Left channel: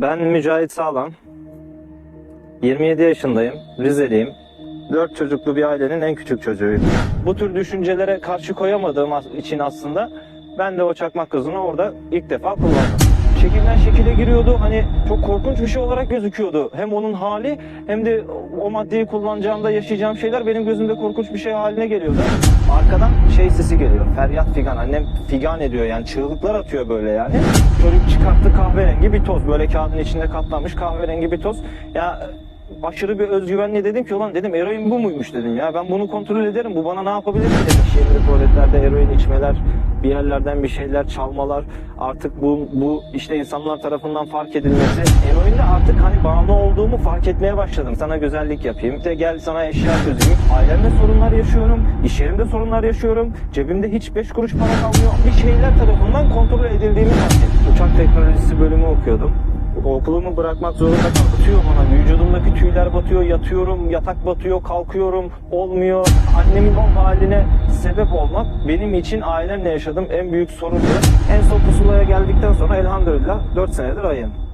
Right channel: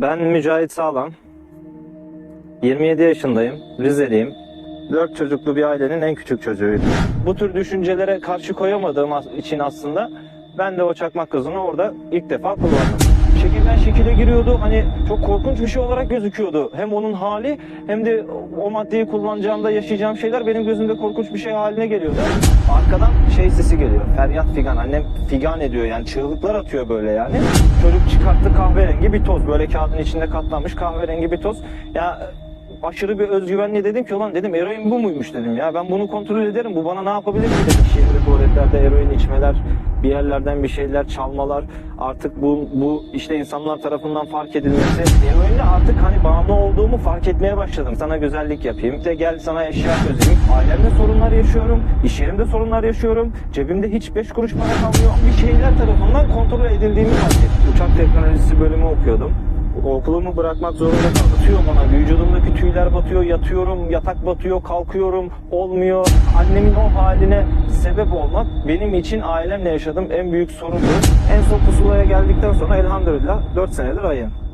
Ben Mücahit Sağlam. 27 yaşındayım. Rizeliyim. 4 çocuklu bir ailenin en küçük çocuğuyum. Bu tür düşüncelere karşı koyamadığım için aslında ben de o çakmak gazını orada ilk defa kullandım. Şekilden şekile giriyordu. Hani çok korkunç bir şey olarak gözüküyordu. Hem onun hali hem de o maddeyi kullanacağımda yaşayacağım şeyler benim gözümde korkunç bir şey haline geliyordu. Arkadan şey sesi geliyor. Feryat figan. Annem figan ediyor yani çığlıklar atıyor böyle yani. Çocuk çıkarttı kahverengi bir toz. Böyle kağıdın içinde katlanmış kahverengi bir toz. Ya aşırı bir özgüvenle dedim ki ulan dedim eroin bu muymuş dedim ya ben bunu kontrol ederim bu bana ne yapabilir ki dedim. Şehirli tuvaletlerde eroin içmeler bir yerlerden bir şeyler çalmalar artık bu bu işte insanlar tarafından fark edilmesi eroinle artık hani bağımlı olduğumu fark etmeye başladım. Sana güzellik yapayım de gel sana eşya çözeyim. Ailemde sorunlar yaşıyorum. iş yerimde sorunlar yaşıyorum. Cebimde hiç beş kuruş para kalmıyor. Bir şeyler tarafından kontrol edildiğimi fark ettim. Uçak teknolojisi bölümü okuyordum. Okulumu bırakmak zorunda. Batıyor bana. Vücudumdaki tüyler batıyor. Yatıyorum. Yatak batıyor. Kalkıyorum. Olmuyor. Annemin o haline sebep olmak benim için ailemle yaşadığım en büyük sorundu. En son pusulaya geldikten sonra elhamdülillah 4 senedir ayım.